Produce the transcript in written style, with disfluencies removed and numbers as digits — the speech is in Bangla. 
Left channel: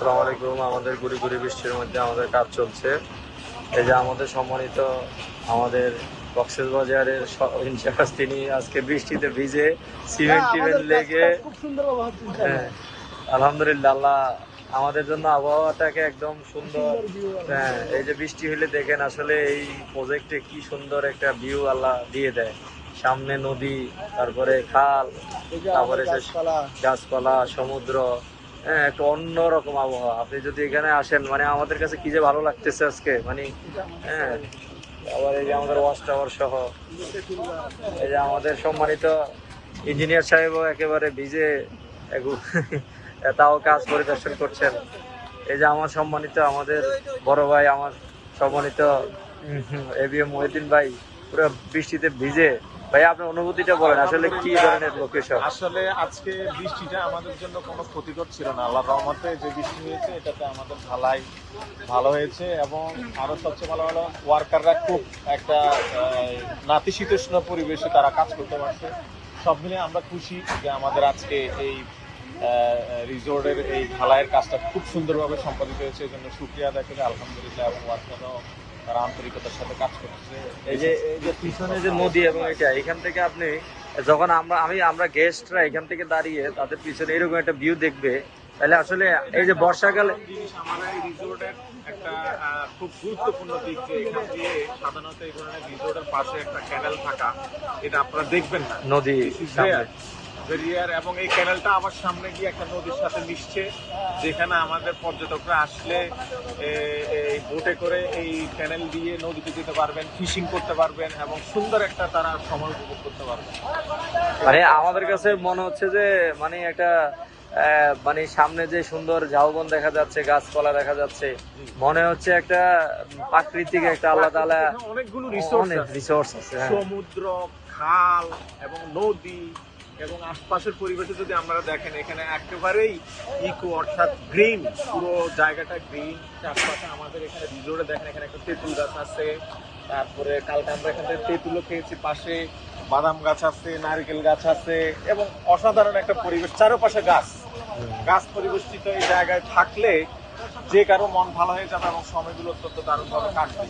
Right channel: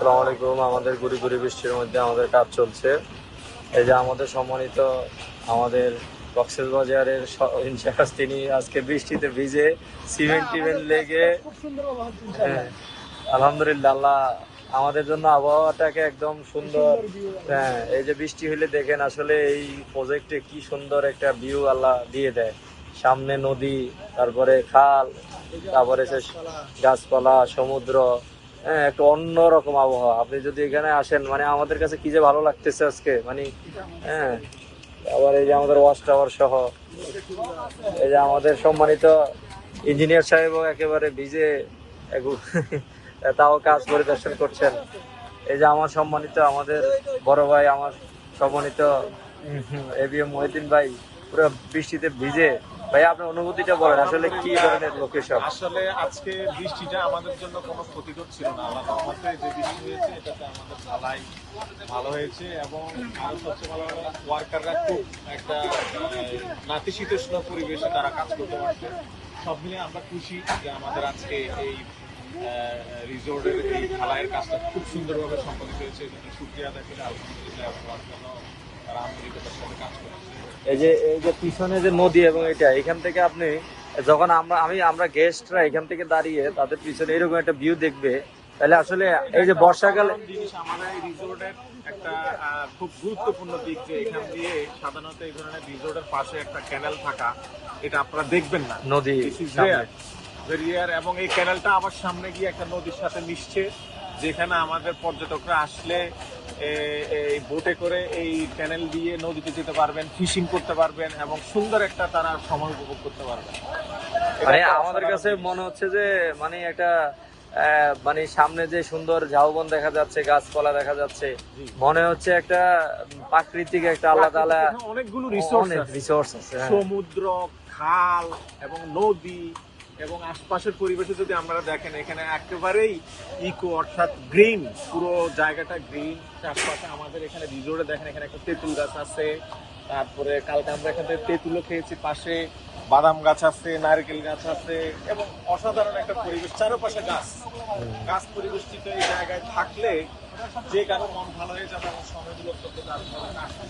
আসসালামু আলাইকুম। আমাদের গুড়ি গুড়ি বৃষ্টির মধ্যে আমাদের কাজ চলছে। এই যে আমাদের সম্মানিত আমাদের কক্সবাজারের ইনচার্জ, তিনি আজকে বৃষ্টিতে ভিজে সিমেন্ট টিমেন্ট লেগে খুব সুন্দরভাবে হচ্ছে হ্যাঁ, ইনশাআল্লাহ। আলহামদুলিল্লাহ, আল্লাহ আমাদের জন্য আবহাওয়াটাকে একদম সুন্দর। সুন্দর view হ্যাঁ, এই যে বৃষ্টি হলে দেখেন আসলে এই প্রজেক্টে কি সুন্দর একটা ভিউ আল্লাহ দিয়ে দেয়। সামনে নদী, তারপরে খাল, এই যে তারপরে আমাদের গাছপালা। গাছপালা, সমুদ্র। হ্যাঁ, একটা অন্যরকম আবহাওয়া। আপনি যদি এখানে আসেন, মানে আমাদের কাছে কি যে ভালো লাগতেছে আজকে, মানে এটা আমাদের হ্যাঁ। আবার এই যে আমাদের ওয়াচ টাওয়ার সহ, এই যে আমাদের সম্মানিত ইঞ্জিনিয়ার সাহেবও একেবারে ভিজে তাও কাজ পরিদর্শন করছেন। এই যে আমার সম্মানিত আমাদের বড় ভাই, আমার সম্মানিত এবিএম মহিউদ্দিন ভাই, পুরো বৃষ্টিতে ভিজে। ভাই, আপনার অনুভূতিটা বলেন, আসলে কি ধরনের লোকেশন? আসলে আজকে বৃষ্টিটা আমাদের জন্য কোনো ক্ষতিকর ছিল না। আল্লাহর রহমতে যে বৃষ্টি হয়েছে এটাতে আমাদের ভালো হয়েছে, এবং আরো সবচেয়ে ভালো হলো ওয়ার্কাররা খুব একটা নাতিশীতোষ্ণ পরিবেশে তারা কাজ করতে পারছে। সব মিলিয়ে আমরা খুশি যে আমাদের আজকে এই রিসোর্টের এই ঢালাইয়ের কাজটা খুব সুন্দরভাবে সম্পাদিত হয়েছে। এই জন্য শুক্রিয়া আদায় করে আলহামদুলিল্লাহ, এবং ওয়ার্কাররাও তারা আন্তরিকতার সাথে কাজ করতেছে। এই যে পিছনে যে নদী, এবং এখান থেকে আপনি যখন আমরা গেস্টরা এখান থেকে দাঁড়িয়ে তাদের পিছনে এরকম একটা ভিউ দেখবে, তাহলে আসলে এই যে বর্ষাকালে জিনিস আমাদের এই রিসোর্টের একটা খুব গুরুত্বপূর্ণ দিক, যে এখান দিয়ে সাধারণত এই ধরনের রিসোর্টের পাশে একটা ক্যানেল থাকা, এটা আপনারা দেখবেন না নদী সামনে। এবং এই ক্যানেলটা আবার সামনে গিয়ে একটা নদীর সাথে মিশছে, যেখানে আমাদের পর্যটকরা আসলে এই বোটে করে এই ক্যানেল দিয়ে নদীতে যেতে পারবেন, ফিশিং করতে পারবেন, এবং সুন্দর একটা তারা সময় উপভোগ করতে পারবেন। মানে আমাদের কাছে মনে হচ্ছে যে মানে একটা মানে সামনে যে সুন্দর ঝাউবন দেখা যাচ্ছে, গাছপালা দেখা যাচ্ছে, মনে হচ্ছে একটা প্রাকৃতিক একটা আল্লাহ তাআলা অনেকগুলো অনেক রিসোর্স আছে। হ্যাঁ, সমুদ্র, খাল এবং নদী, এবং আশপাশের পরিবেশে যদি আপনারা দেখেন, এখানে একেবারেই ইকো, অর্থাৎ গ্রিন, পুরো জায়গাটা গ্রিন। চারপাশে আমাদের এখানে রিসোর্টে দেখেন, এখানে একটা তেঁতুল গাছ আছে, তারপরে কালকে আমরা এখানে তেঁতুলও খেয়েছি, পাশে বাদাম গাছ আছে, নারকেল গাছ আছে, এবং অসাধারণ একটা পরিবেশ, চারপাশে গাছ পরিবেষ্টিত এই জায়গায় থাকলে যে কারো মন ভালো হয়ে যাবে, এবং সময়গুলো অত্যন্ত দারুণভাবে কাটবে।